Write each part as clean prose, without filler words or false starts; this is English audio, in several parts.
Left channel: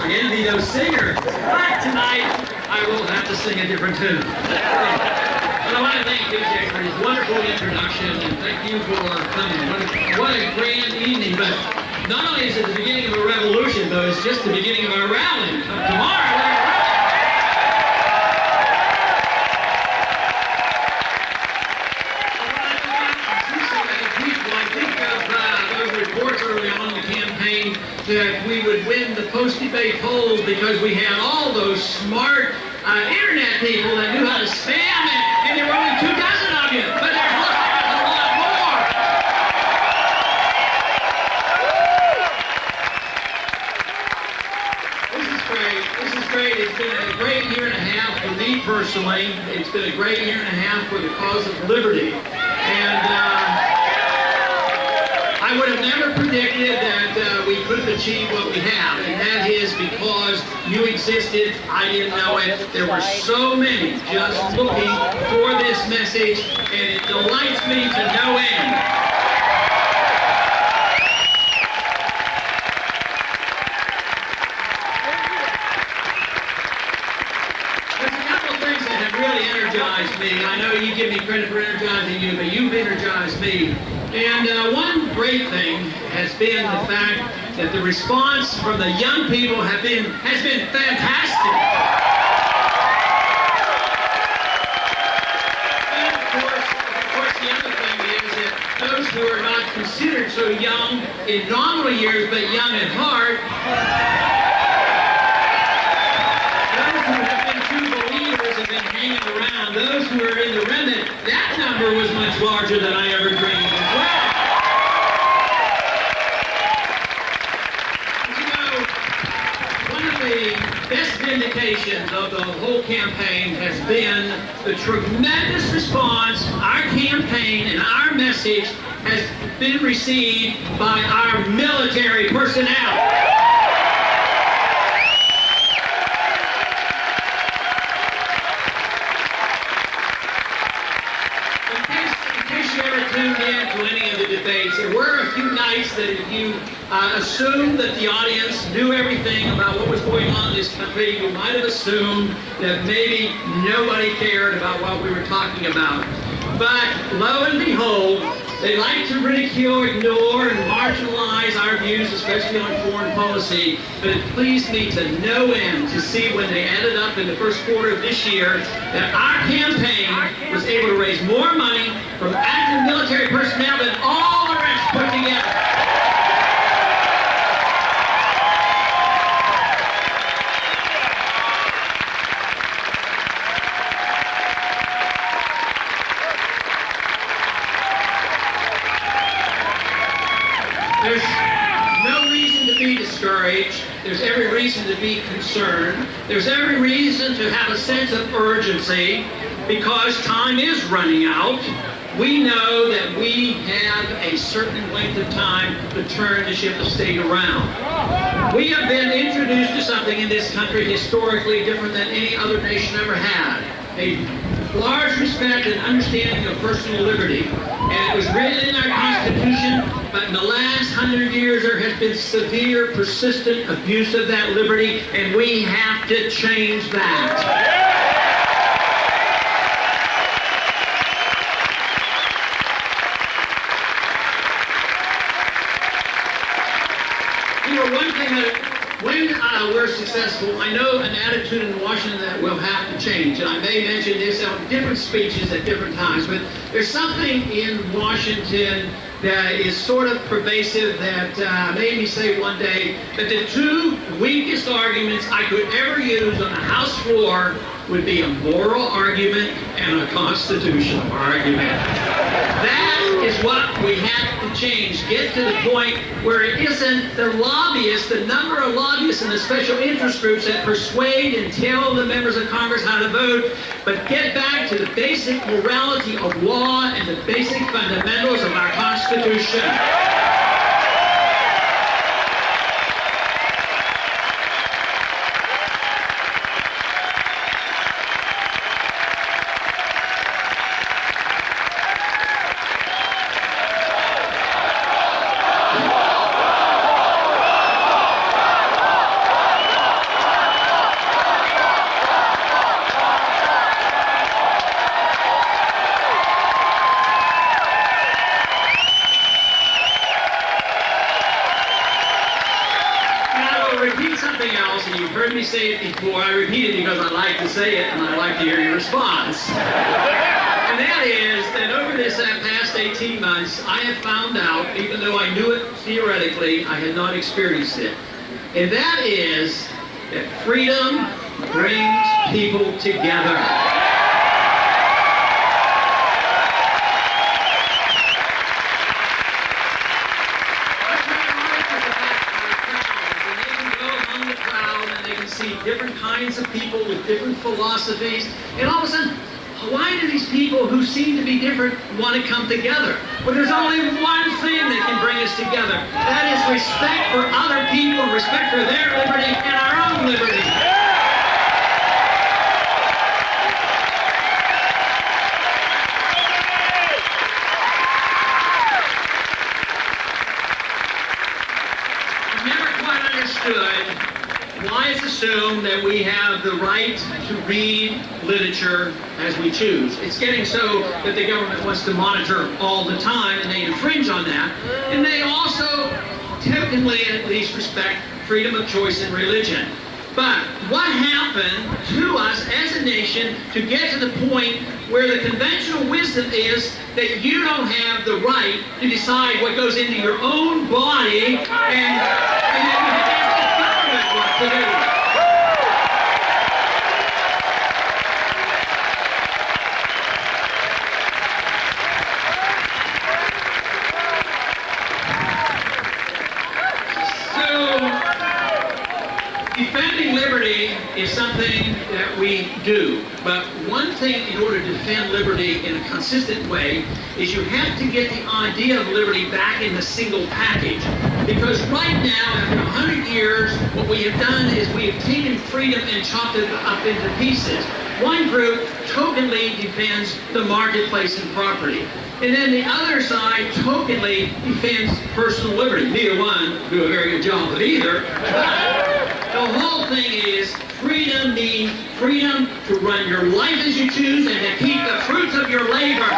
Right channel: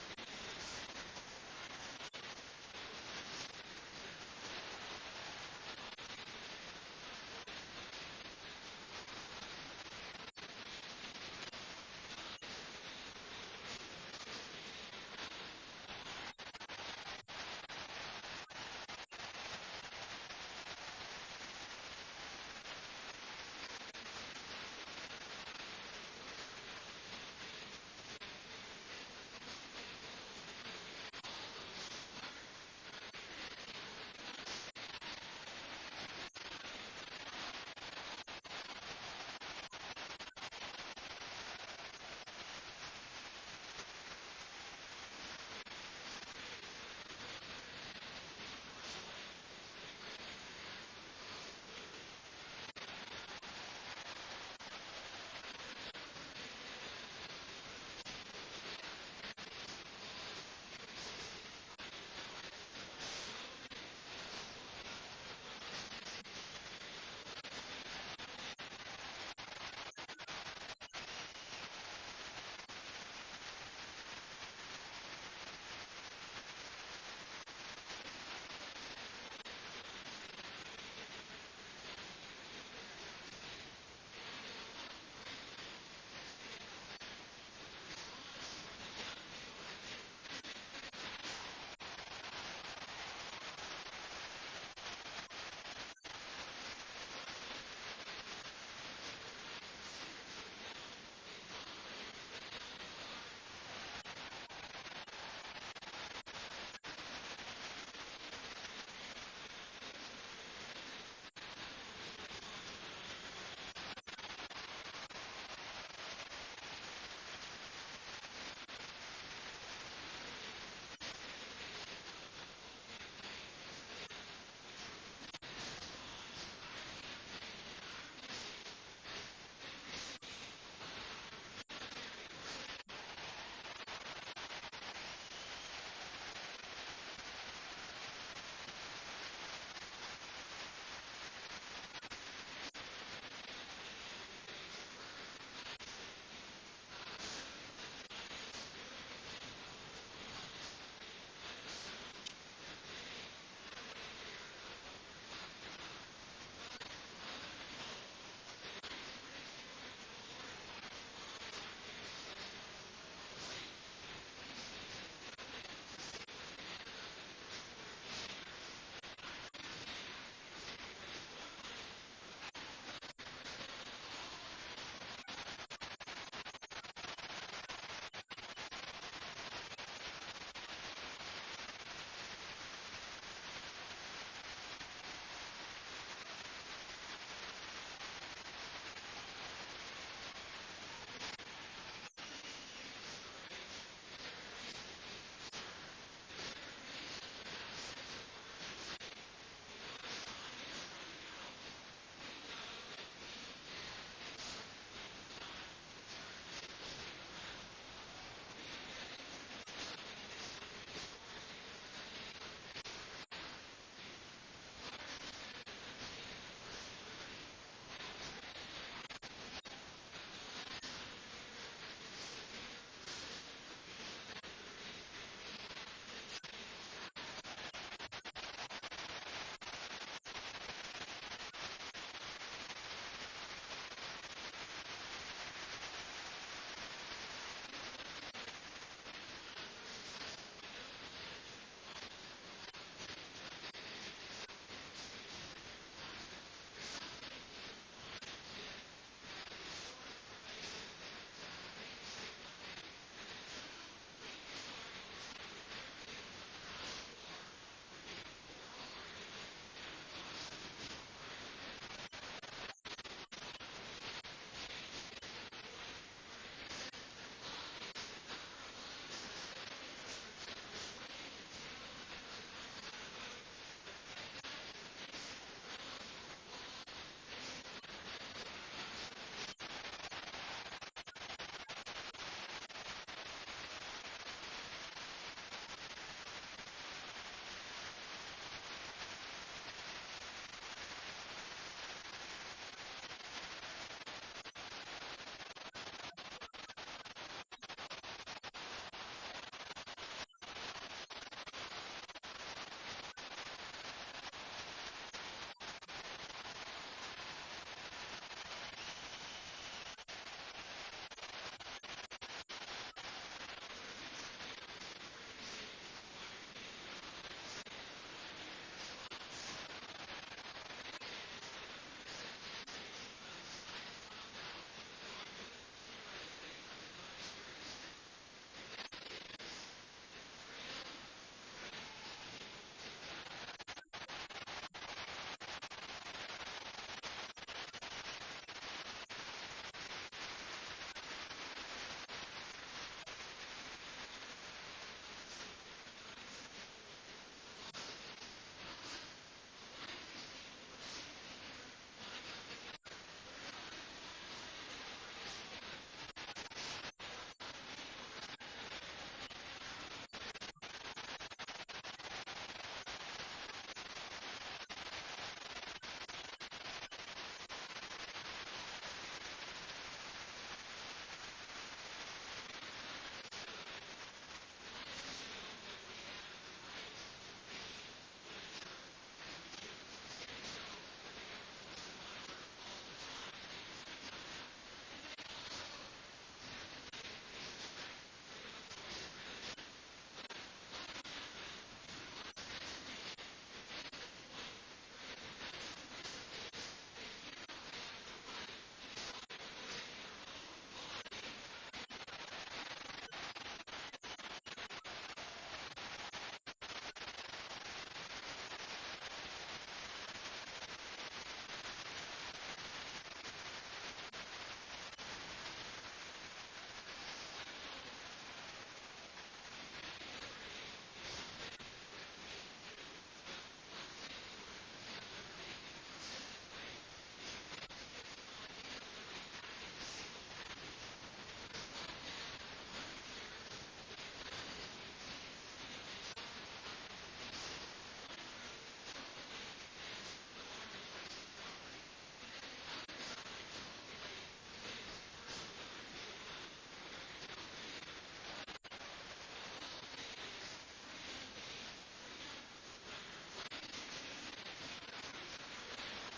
I envy those singers. But tonight, I will have to sing a different tune. But I want to thank DJ for his wonderful introduction, and thank you for coming. What a grand evening. But not only is it the beginning of a revolution, though, it's just the beginning of our rally. Tomorrow, early on in the campaign that we would win the post-debate polls because we had all those smart internet people that knew how to spam it, and there were only 2 dozen of you. But there's a lot more. This is great. This is great. It's been a great year and a half for me personally. It's been a great year and a half for the cause of liberty. And I would have never predicted that we could achieve what we have, and that is because you existed, I didn't know it. There were so many just looking for this message, and it delights me to no end. There's a couple of things that have really energized me. I know you give me credit for energizing you, but you've energized me. And one great thing has been the fact that the response from the young people has been fantastic. And of course, the other thing is that those who are not considered so young in nominal years, but young at heart, those who have been true believers have been hanging around. Those who are in the remnant, that number was much larger than I ever dreamed. Best vindications of the whole campaign has been the tremendous response our campaign and our message has been received by our military personnel. In case you ever tuned in to any of the debates, there were a few nights that if you assumed that the audience knew everything about what was going on in this country, you might have assumed that maybe nobody cared about what we were talking about. But lo and behold, they like to ridicule, ignore, and marginalize our views, especially on foreign policy. But it pleased me to no end to see when they added up in the first quarter of this year that our campaign was able to raise more money from active military personnel than all the rest put together. There's no reason to be discouraged. There's every reason to be concerned. There's every reason to have a sense of urgency because time is running out. We know that we have a certain length of time to turn the ship of state around. We have been introduced to something in this country historically different than any other nation ever had. A large respect and understanding of personal liberty. And it was written in our Constitution, but in the last 100 years there has been severe, persistent abuse of that liberty, and we have to change that. You know, one thing that when we're successful, I know an attitude in Washington that will have to change, and I may mention this on different speeches at different times, but there's something in Washington that is sort of pervasive that made me say one day that the 2 weakest arguments I could ever use on the House floor would be a moral argument and a constitutional argument. That is what we have to change. Get to the point where it isn't the lobbyists, the number of lobbyists and the special interest groups that persuade and tell the members of Congress how to vote, but get back to the basic morality of law and the basic fundamentals of our Constitution. else, and you've heard me say it before. I repeat it because I like to say it, and I like to hear your response. And that is that over this past 18 months, I have found out, even though I knew it theoretically, I had not experienced it. And that is that freedom brings people together. See different kinds of people with different philosophies, and all of a sudden, why do these people who seem to be different want to come together? Well, there's only one thing that can bring us together. That is respect for other people, respect for their liberty and our own liberty. I've never quite understood why it's assumed that we have the right to read literature as we choose. It's getting so that the government wants to monitor all the time, and they infringe on that. And they also, technically at least, respect freedom of choice in religion. But what happened to us as a nation to get to the point where the conventional wisdom is that you don't have the right to decide what goes into your own body, and then you have to ask the government what to do? Defending liberty is something that we do, but one thing in order to defend liberty in a consistent way is you have to get the idea of liberty back in the single package. Because right now, after 100 years, what we have done is we have taken freedom and chopped it up into pieces. One group tokenly defends the marketplace and property. And then the other side tokenly defends personal liberty. Neither one do a very good job of either. But the whole thing is freedom means freedom to run your life as you choose and to keep the fruits of your labor.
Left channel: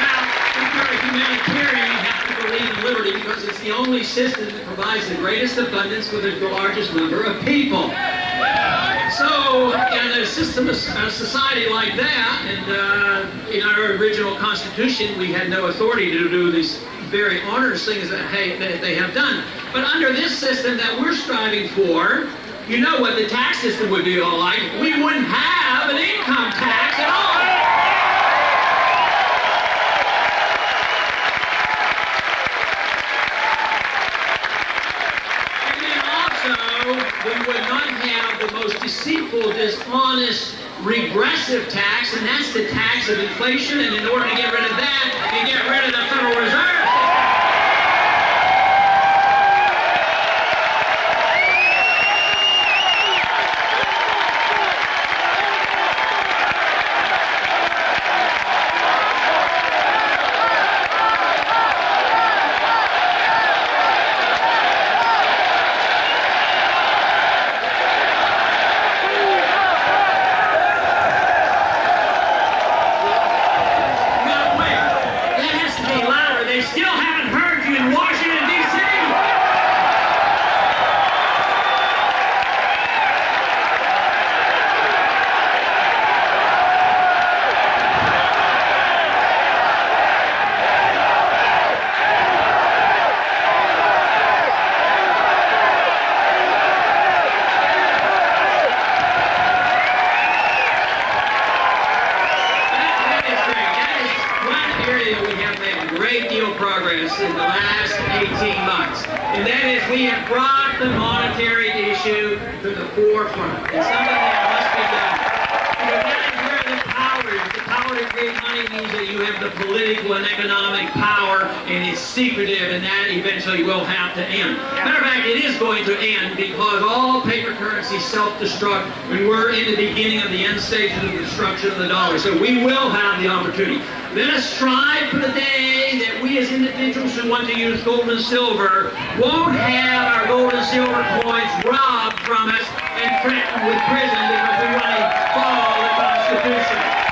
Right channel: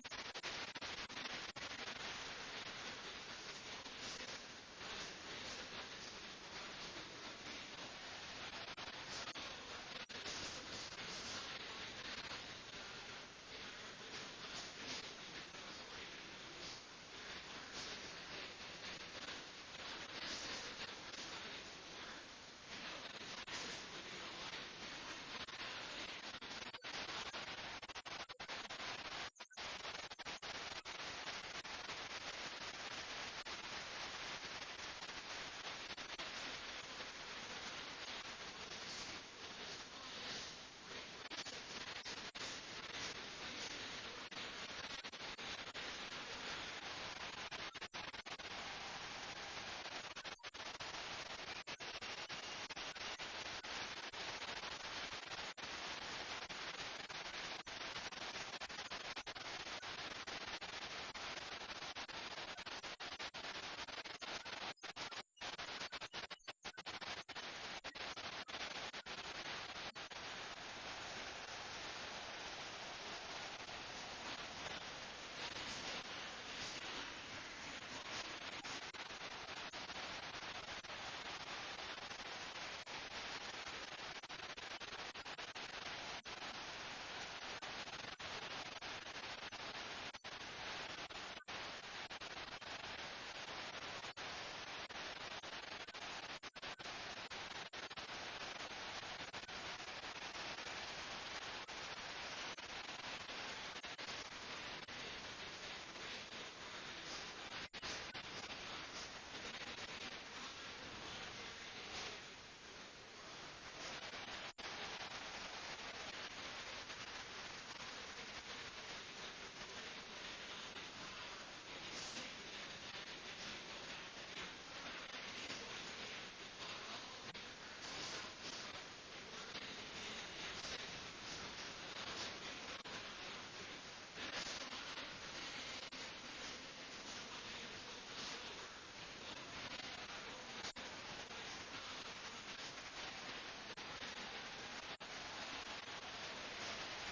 Now, if you're a humanitarian, you have to believe in liberty because it's the only system that provides the greatest abundance for the largest number of people. So, in a system, a society like that, and in our original Constitution, we had no authority to do these very onerous things that they have done. But under this system that we're striving for, you know what the tax system would be all like. We wouldn't have an income tax at all. We would not have the most deceitful, dishonest, regressive tax, and that's the tax of inflation. And in order to get rid of that, you get rid of the Federal Reserve. In the last 18 months, and that is we have brought the monetary issue to the forefront. It's something that must be done. Because that is where the power is. The power to create money means that you have the political and economic power, and it's secretive, and that eventually will have to end. Matter of fact, it is going to end because all paper currency self-destruct when we're in the beginning of the end stages of the destruction of the dollar. So we will have the opportunity. Let us strive for the day that we as individuals who want to use gold and silver won't have our gold and silver coins robbed from us and threatened with prison because we want to follow the Constitution.